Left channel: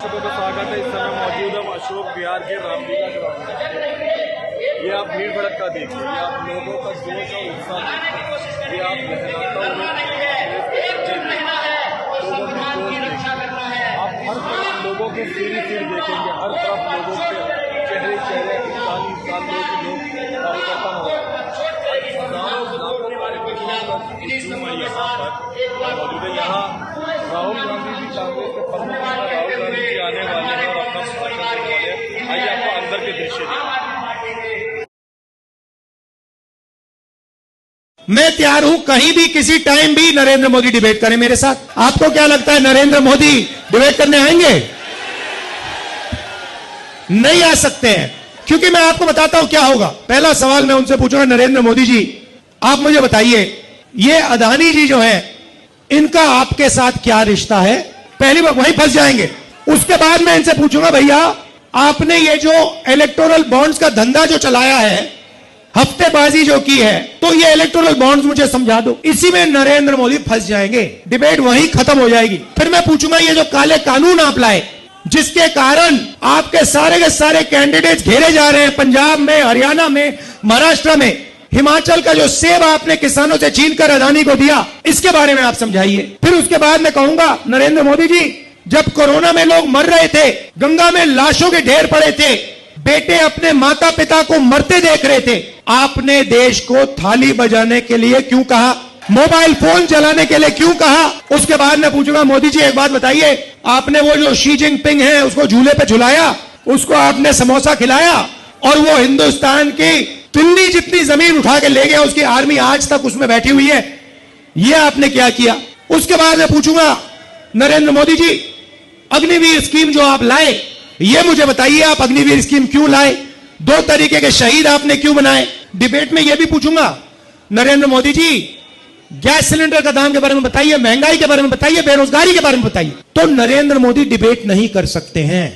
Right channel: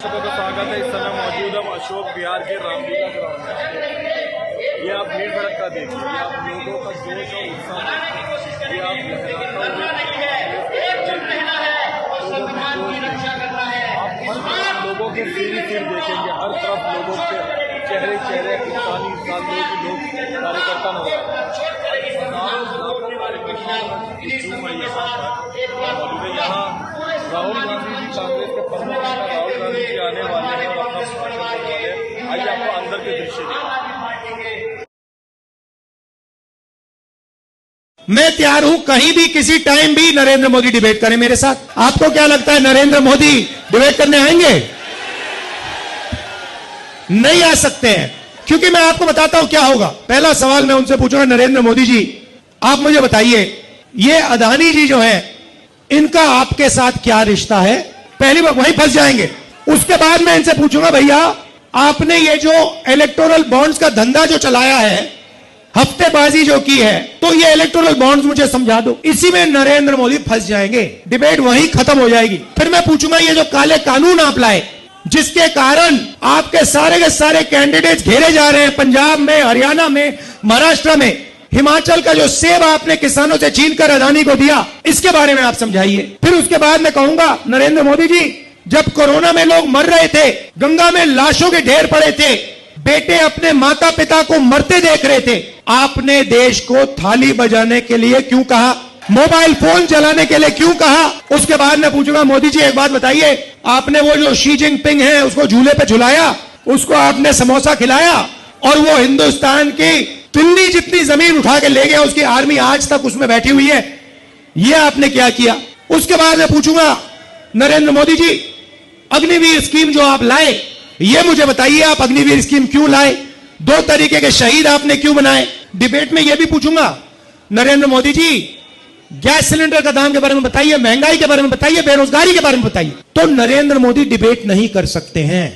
सभी का स्वागत है। इस समय मौजूद हम अशोक विहार के रामलीला ग्राउंड में। ये आप भीड़ भड़का देखिए, ये आप लोगों का जोश और उत्साह, ये आप लोगों के सिर देखेंगे, हर तरफ लोगों के चेहरे इंसानी लोग कार्यकर्ता नजर आ रहे हैं। राहुल गांधी जी कांग्रेस के प्रमुख नेता राहुल गांधी जी आने वाले हैं और अपना भाषण देने वाले हैं। आइए आपको अंदर के दृश्य दिखाएं। मैं तैयार हूं कहीं भी किसी टाइम भी नरेंद्र मोदी डिबेट करें मेरे साथ। आपको क्या लगता है नरेंद्र मोदी डिबेट करने आएंगे? नहीं आ सकते हैं, क्योंकि मैं आपको बताता हूं क्या होगा। पहला सवाल मैं उनसे पूछूंगा, नरेंद्र मोदी जी आप मुझे बताइए, ये अदानी जी जो है इनका आपके साथ क्या रिश्ता है? पहली बार वहीं फंस जाएंगे। उसके बाद मैं इनसे पूछूंगा, भैया आपने ये जो इलेक्टोरल बॉन्ड्स का धंधा जो चलाया है, हफ्तेबाजी जो की है, तो ये इलेक्टोरल बॉन्ड्स मुझे समझा दो। इसी में नरेंद्र मोदी फंस जाएंगे, डिबेट वहीं खत्म हो जाएगी। फिर मैं पूछूंगा, ये जो काले कानून आप लाए जिसके कारण आपके सारे के सारे कैंडिडेट घेरे जा रहे हैं, पंजाब में, हरियाणा में, महाराष्ट्र में, हिमाचल का जो सेब आपने किसानों से छीनकर अदानी को दिया, इसके बारे में आप समझाइए। फिर उसके बाद मैं कहूंगा, नरेंद्र मोदी जी जब कोरोना में लोग मर रहे थे, गंगा में लाशों के ढेर पड़े थे, बेटे अपने माता पिता को मरते देख रहे थे, आपने देश को थाली बजाने के लिए क्यों कहा? मोबाइल फोन चलाने के लिए क्यों कहा? उसके बाद मैं पूछूंगा, मोदी जी एक बात बताइए, आपने वो जो शी जिनपिंग है उसको झूले पे झुलाया, उसको आपने समोसा खिलाया और वो हिंदुस्तान की दिल्ली जितनी जमीन उठा के ले गया, उसकी आर्मी आज तक उसमें बैठी हुई है। ये आपने क्या किया? उसके बाद मैं पूछूंगा, नरेंद्र मोदी जी अग्निवीर स्कीम जो आप लाए, ये मुझे बताइए, आप अग्निवीर स्कीम क्यों लाए? 2 तरीके के शहीद आपने क्यों बनाए? डिबेट में यह भी पूछूंगा, नरेंद्र मोदी जी गैस सिलेंडर का दाम के बारे में बताइए, महंगाई के बारे में बताइए, बेरोजगारी के बारे में बताइए। तो नरेंद्र मोदी डिबेट नहीं कर सकते हैं।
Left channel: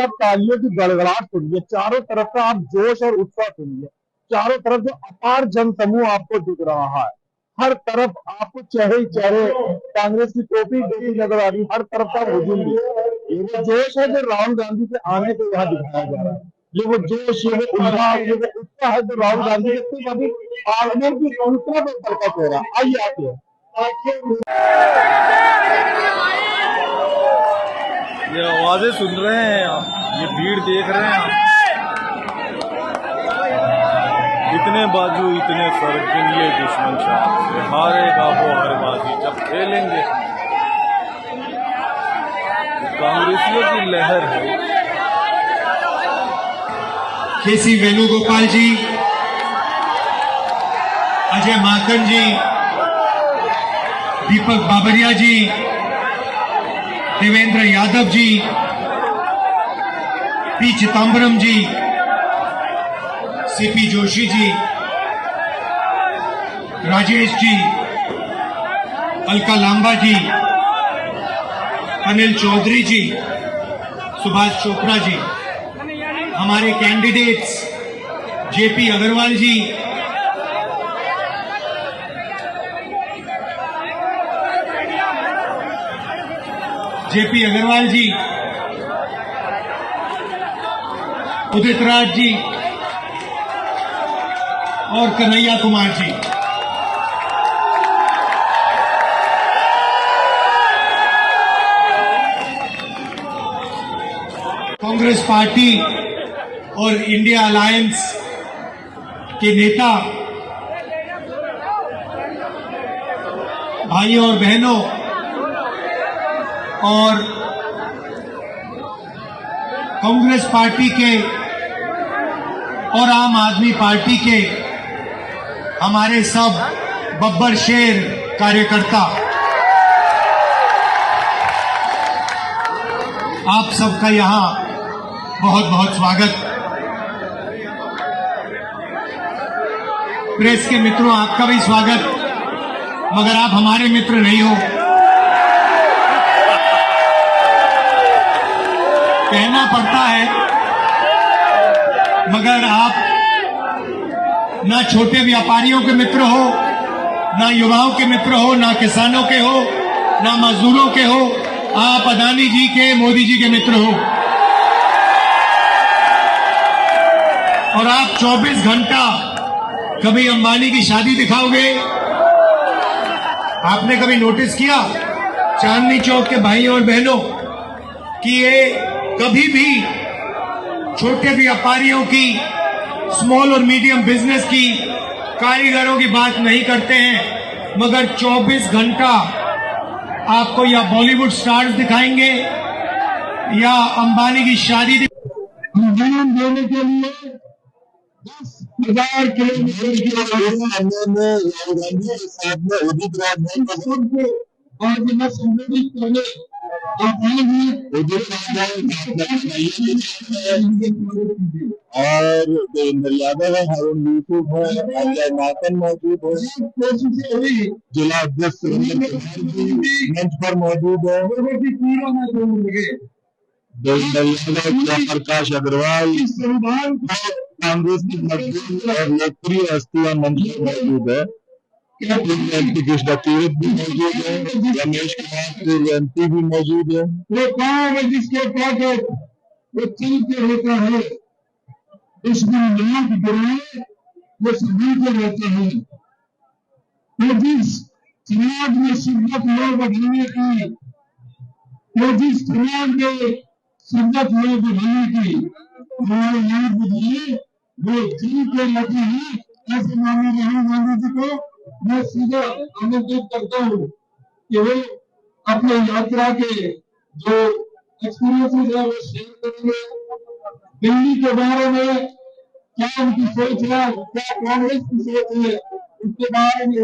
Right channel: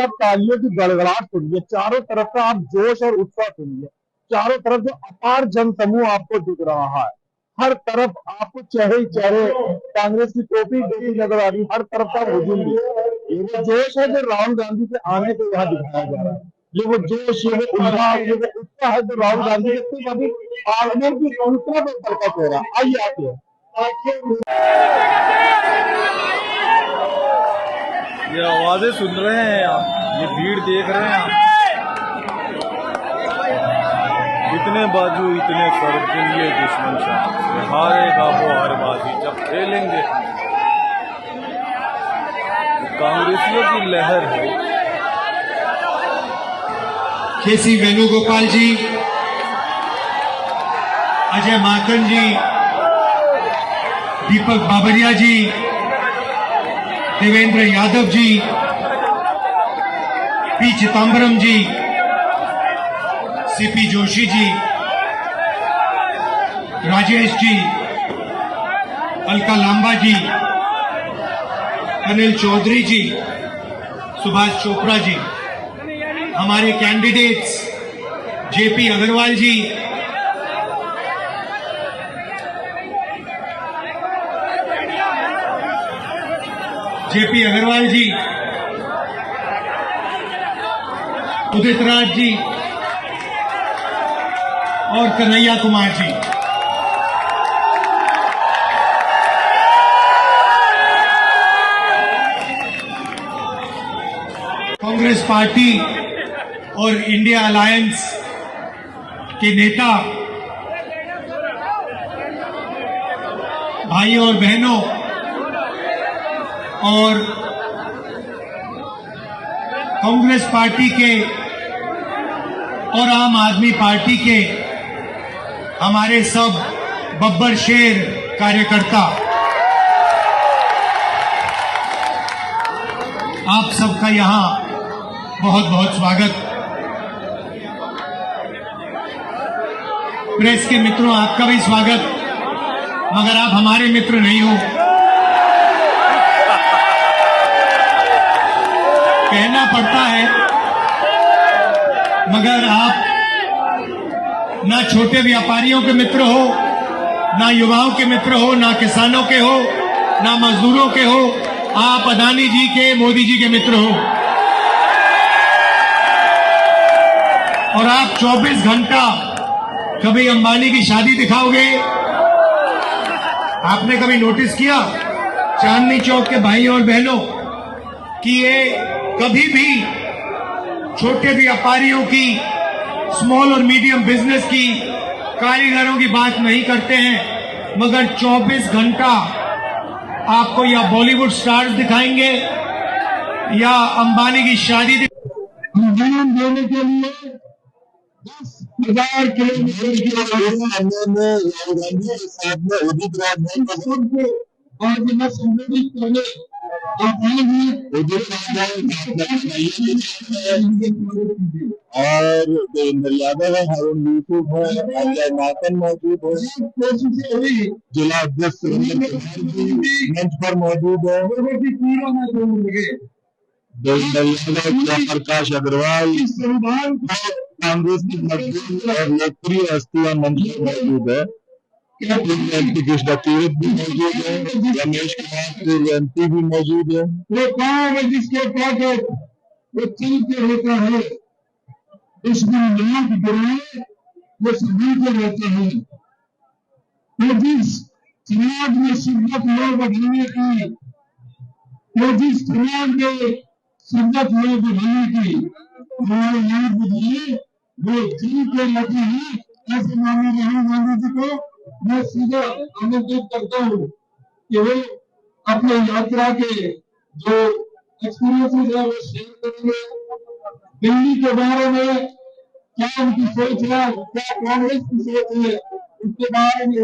आप तालियों की गड़गड़ाहट सुनिए, चारों तरफ का आप जोश और उत्साह सुनिए, चारों तरफ जो अपार जनसमूह आपको दिख रहा है, हर तरफ आपको चेहरे कांग्रेस की टोपी नजर आ रही, हर तरफ का हुजूम भी। ये वो जोश है जो राहुल गांधी के आने को यहाँ दिखाया जा रहा है। ये वो जोश, ये वो उल्लास, ये वो उत्साह है जो राहुल गांधी के सिर्फ अभी आगमन की सूचना पर प्रकट हो रहा है। आइए आगे ये आवाजें सुन रहे हैं आप, ये भीड़ देख रहे हैं आप, इतने बाजू इतने सर्जन, ये दुश्मन शाह से हारेगा वो हर बाजी जब खेलेंगे। कांग्रेसियों की लहर है। केसी वेणुगोपाल जी, अजय माकन जी, दीपक बाबरिया जी, देवेंद्र यादव जी, पी चिदम्बरम जी, सीपी जोशी जी, राजेश जी, अलका लांबा जी, अनिल चौधरी जी, सुभाष चोपड़ा जी, हमारे कैंडिडेट्स जेपी अग्रवाल जी, उदित राज जी और कन्हैया कुमार जी। कांग्रेस पार्टी और इंडिया अलायंस के नेता, भाइयों और बहनों और कांग्रेस पार्टी के और आम आदमी पार्टी के हमारे सब बब्बर शेर कार्यकर्ता, आप सबका यहां बहुत बहुत स्वागत। प्रेस के मित्रों, आपका भी स्वागत, मगर आप हमारे मित्र नहीं हो। कहना पड़ता है, मगर आप ना छोटे व्यापारियों के मित्र हो, ना युवाओं के मित्र हो, ना किसानों के हो, ना मजदूरों के हो, आप अदानी जी के, मोदी जी के मित्र हो और आप 24 घंटा कभी अंबानी की शादी दिखाओगे? आपने कभी नोटिस किया चांदनी चौक के भाइयों और बहनों कि ये कभी भी छोटे व्यापारियों की, स्मॉल और मीडियम बिजनेस की, कारीगरों की बात नहीं करते हैं, मगर 24 घंटा आपको या बॉलीवुड स्टार्स दिखाएंगे या अंबानी की शादी जन्म देने के लिए 10,000 किलोमीटर की समय में राहुल गांधी के साथ में उदित राजभवन को आज मैं संबोधित करने और देवेंद्र यादव है, हारून यूसुफ है, अजय नाथन मौजूद है, जिला अध्यक्ष मंच पर मौजूद है, देवेंद्र यादव, प्रकाश अग्रवाल, कांग्रेस की मजबूत और लोकप्रिय हस्तियां मंच पर मौजूद है। कृष्णा तीर्थ भी मौजूद है, रमेश कुमार जयंती भी मौजूद है। वो गाँव में जिसके पास वो चलते होता है, उसमें लोग बुराए वो सभी को रहते हैं। वो जिस समाज में शिद्दत लोग बढ़ाने की, वो जिस समाज में शिद्दत लोग बढ़ाने की हमारे यहाँ बुझाए वो चलते रहते हैं। ऐसे माननीय राहुल गांधी जी को मैं सीधा आमंत्रित करता हूँ कि वो अपने यात्रा के जो एक्सपीरियंसेस है वो शेयर करेंगे। दिल्ली के बारे में क्या उनकी सोच है, क्या कांग्रेस की सोच है, उसके बारे में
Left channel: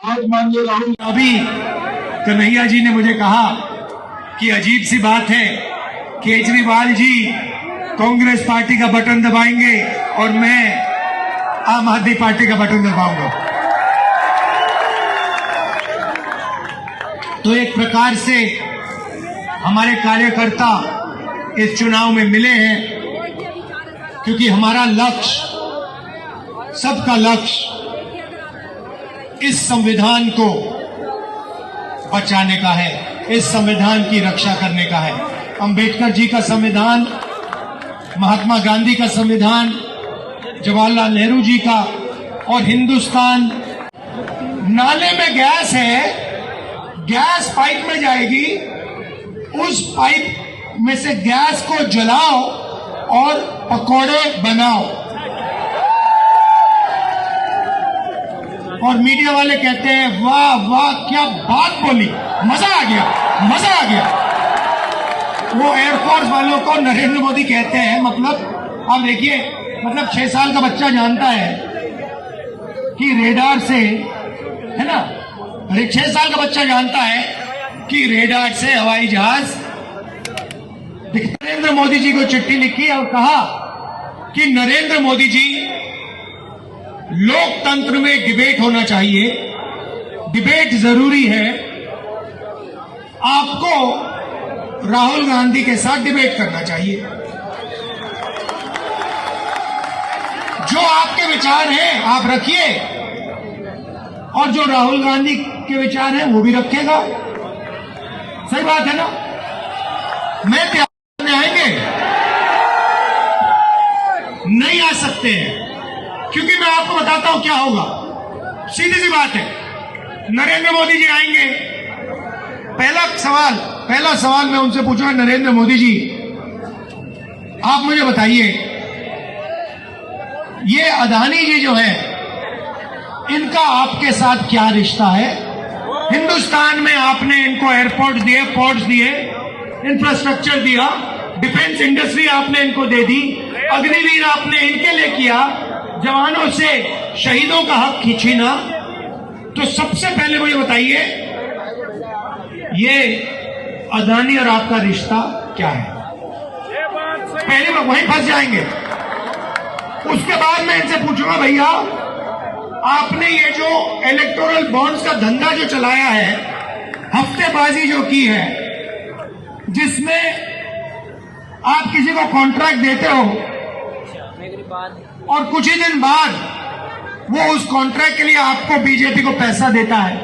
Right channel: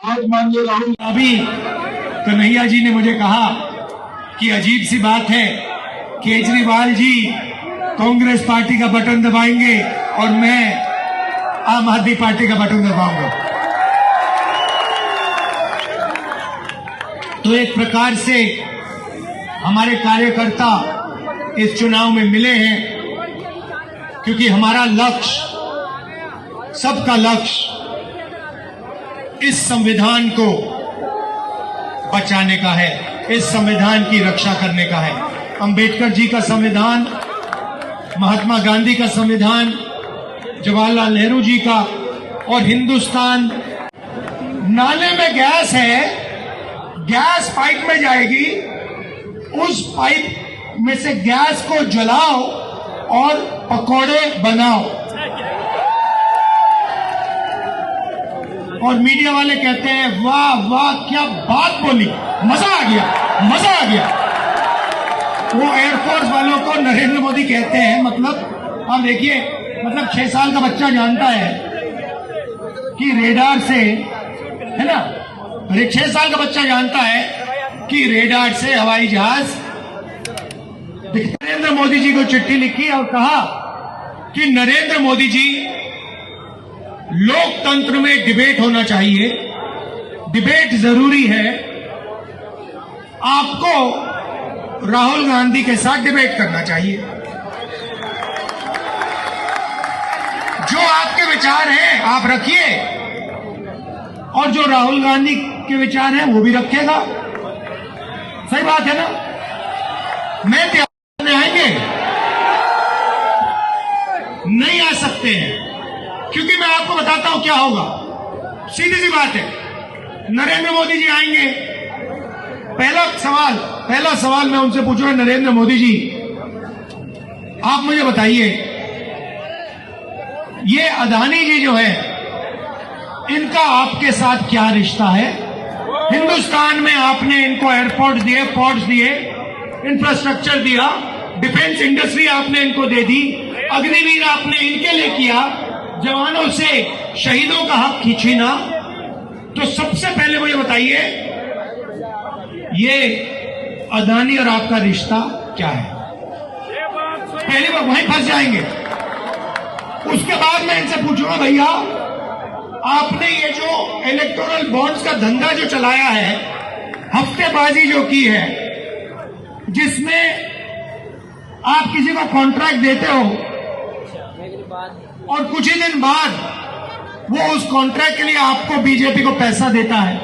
आज माननीय राहुल। अभी कन्हैया जी ने मुझे कहा कि अजीब सी बात है, केजरीवाल जी कांग्रेस पार्टी का बटन दबाएंगे और मैं आम आदमी पार्टी का बटन दबाऊंगा। तो एक प्रकार से हमारे कार्यकर्ता इस चुनाव में मिले हैं, क्योंकि हमारा लक्ष्य, सबका लक्ष्य इस संविधान को बचाने का है, इस संविधान की रक्षा करने का है। अंबेडकर जी का संविधान, महात्मा गांधी का संविधान, जवाहरलाल नेहरू जी का, और हिंदुस्तान। नाले में गैस है, गैस पाइप में जाएगी, उस पाइप में से गैस को जलाओ और पकौड़े बनाओ। और मीडिया वाले कहते हैं वाह वाह क्या बात बोली, मजा आ गया, मजा आ गया। वो एयरफोर्स वालों को नरेंद्र मोदी कहते हैं, मतलब आप देखिए, मतलब 6 साल का बच्चा जानता है कि रेडार से, है ना, अरे 6 साल का बच्चा जानता है कि रेडार से हवाई जहाज। नरेंद्र मोदी जी को चिट्ठी लिखी और कहा कि नरेंद्र मोदी जी, लोकतंत्र में डिबेट होना चाहिए, डिबेट जरूरी है, आपको राहुल गांधी के साथ डिबेट करना चाहिए। जो आपके विचार हैं आप रखिए, और जो राहुल गांधी के विचार हैं वो भी रखेगा। सही बात है ना? मैं तैयार में आएंगे नहीं आ सकते हैं, क्योंकि मैं आपको बताता हूं क्या होगा। सीधी सी बात है, नरेंद्र मोदी जी आएंगे। पहला सवाल मैं उनसे पूछूंगा, नरेंद्र मोदी जी आप मुझे बताइए, ये अदानी जी जो है इनका आपके साथ क्या रिश्ता है? हिंदुस्तान में आपने इनको एयरपोर्ट दिए, पोर्ट्स दिए, इंफ्रास्ट्रक्चर दिया, डिफेंस इंडस्ट्री आपने इनको दे दी, अग्निवीर आपने इनके लिए किया, जवानों से शहीदों का हक खींचना। तो सबसे पहले मुझे बताइए, ये अदानी और आपका रिश्ता क्या है? पहले लोग वहीं फंस जाएंगे। उसके बाद मैं इनसे पूछूंगा, भैया आपने ये जो इलेक्टोरल बॉन्ड्स का धंधा जो चलाया है, हफ्तेबाजी जो की है, जिसमें आप किसी को कॉन्ट्रैक्ट देते हो और कुछ ही दिन बाद वो उस कॉन्ट्रैक्ट के लिए आपको बीजेपी को पैसा देता है,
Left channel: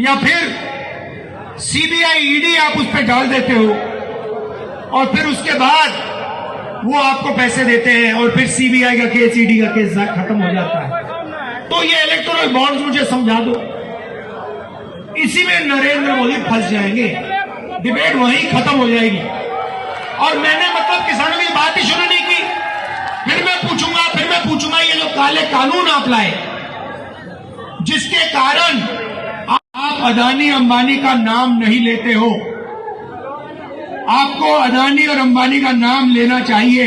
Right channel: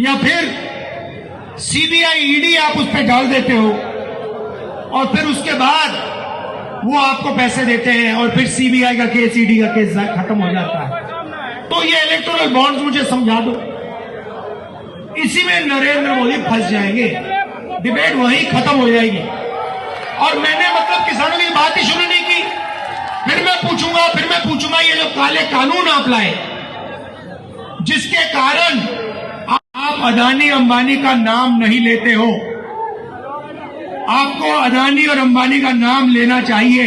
या फिर सीबीआई ईडी आप उस पर डाल देते हो और फिर उसके बाद वो आपको पैसे देते हैं और फिर सीबीआई का केस, ईडी का केस खत्म हो जाता है। तो ये इलेक्टोरल बॉन्ड मुझे समझा दो, इसी में नरेंद्र मोदी फंस जाएंगे, डिबेट वहीं खत्म हो जाएगी। और मैंने मतलब किसानों की बात ही शुरू नहीं की। फिर मैं पूछूंगा ये जो काले कानून आप लाए, जिसके कारण आप अदानी अंबानी का नाम नहीं लेते हो, आपको अदानी और अंबानी का नाम लेना चाहिए।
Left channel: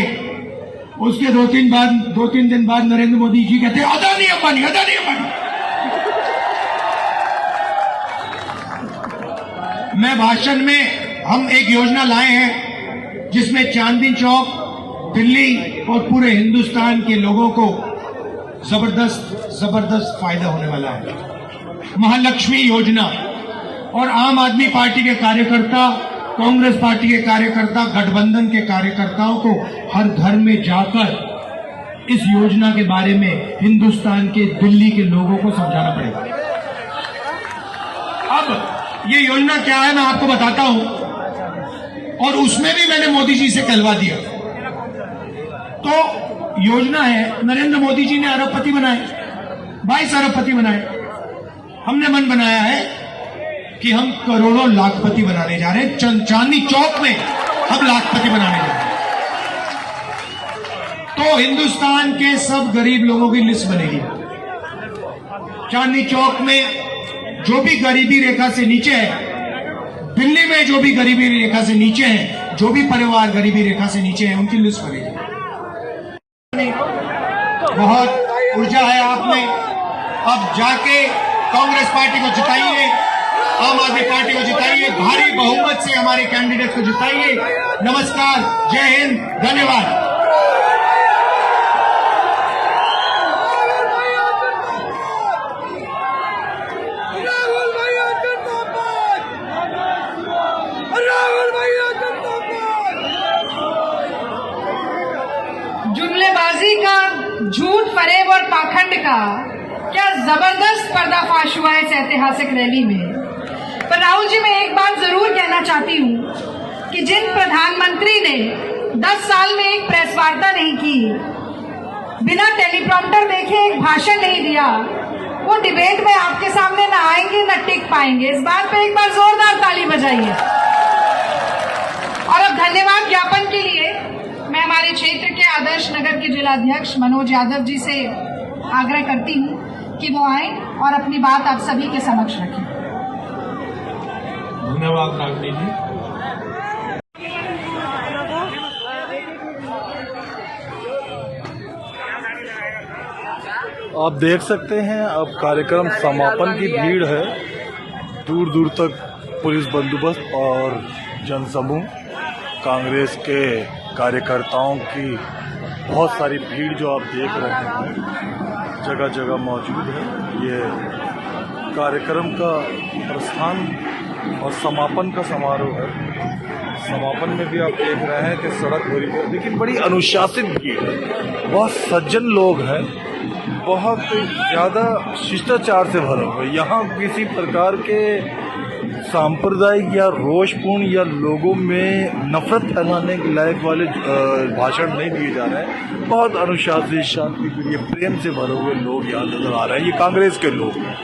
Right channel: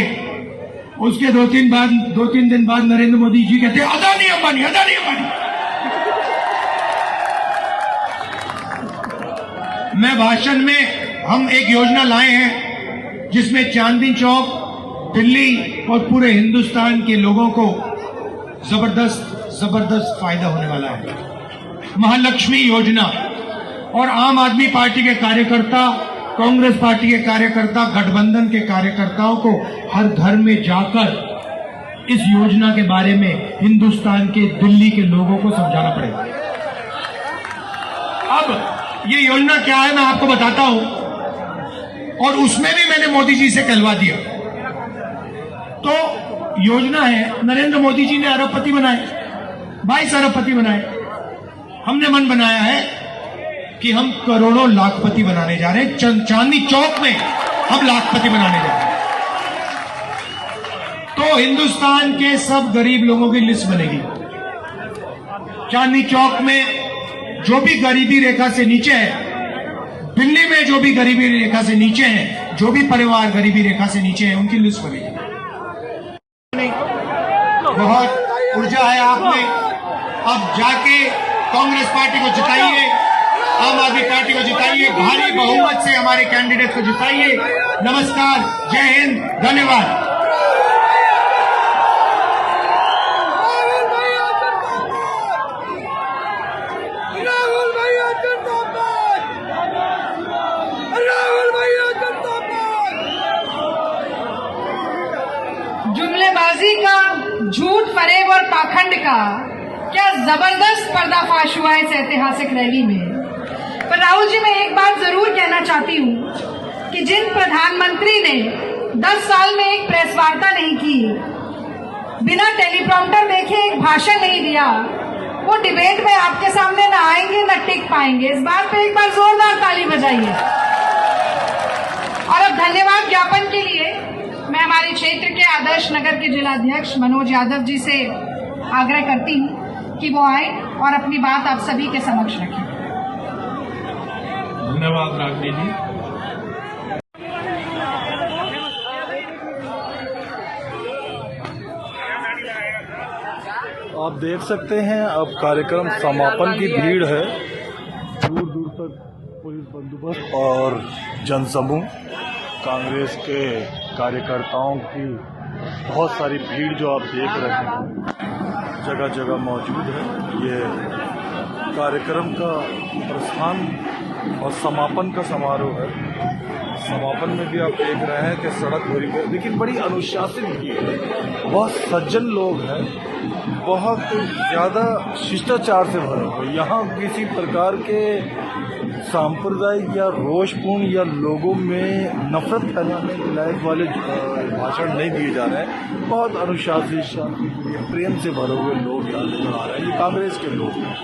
उसके दो तीन दिन बाद नरेंद्र मोदी जी कहते हैं अदानी अंबानी, अदानी अंबानी। मैं भाषण में हम एक योजना लाए हैं जिसमें चांदनी चौक, दिल्ली और पूरे हिंदुस्तान के लोगों को जबरदस्त फायदा होने वाला है। महालक्ष्मी योजना, और आम आदमी पार्टी के कार्यकर्ता, कांग्रेस पार्टी के कार्यकर्ता, गठबंधन के कार्यकर्ताओं को हर घर में जाकर इस योजना के बारे में हिंदुस्तान के, दिल्ली के लोगों को समझाना पड़ेगा। अब ये योजना क्या है मैं आपको बताता हूं, और उसमें भी मैंने मोदी जी से कहलवा दिया। तो योजना है, नरेंद्र मोदी जी ने अरबपति बनाए, 22 अरबपति बनाए। हमने मन बनाया है कि हम करोड़ों लाखपति बनाने जा रहे हैं। चांदनी चौक में हम लाखपति बनाने जा रहे हैं। तो हिंदुस्तान के सब गरीब लोगों की लिस्ट बनेगी। चांदनी चौक में जो भी गरीबी रेखा से नीचे है, दिल्ली में जो भी गरीबी रेखा से नीचे है, जो भी परिवार गरीबी रेखा से नीचे है, उनकी लिस्ट बनेगी। बहुत ऊर्जा है आप में, अब जाके कांग्रेस पार्टी को जिताइए, आम आदमी पार्टी को जिताइए, भारी बहुमत से हमारे कैंडिडेट को जिताइए। नमस्कार, जय हिंद, धन्यवाद। जुमलेबाजी का, झूठ, फरेब और पाखंड का क्या जबरदस्त पर्दाफाश हुआ इस ऐतिहासिक रैली में। पर राहुल जी, मैं एक बात जरूर कहना चाहती हूँ कि जिन प्रधानमंत्री ने 10 साल में एक प्रेस वार्ता नहीं की, बिना टेलीप्रॉम्प्टर देखे एक भाषण नहीं दिया, वो डिबेट में आपके सामने न आएंगे न टिक पाएंगे। इस बात पे एक बार जोरदार ताली बजाइए। और अब धन्यवाद ज्ञापन के लिए मैं हमारे क्षेत्र के आदर्श नगर के जिलाध्यक्ष मनोज यादव जी से आग्रह करती हूँ कि वो आए और अपनी बात आप सभी के समक्ष रखें। धन्यवाद रागनी जी। आप देख सकते हैं अब कार्यक्रम समापन की भीड़ है, दूर दूर तक पुलिस बंदोबस्त और जनसमूह, कांग्रेस के कार्यकर्ताओं की बहुत सारी भीड़ जो आप देख रहे हैं जगह जगह मौजूद है। ये कार्यक्रम का प्रस्थान और समापन का समारोह है। समापन में भी आप देख रहे हैं कि सड़क भरी है, लेकिन बड़ी अनुशासित भीड़ है, बहुत सज्जन लोग हैं, बहुत ज़्यादा शिष्टाचार से भरा हुआ है। यहाँ किसी प्रकार के सांप्रदायिक या रोषपूर्ण या लोगों में नफरत फैलाने के लायक वाले भाषण नहीं दिए जा रहे हैं। बहुत अनुशासित, शांतिप्रिय, प्रेम से भरे हुए लोग यहाँ नजर आ रहे हैं। ये कांग्रेस के लोग हैं।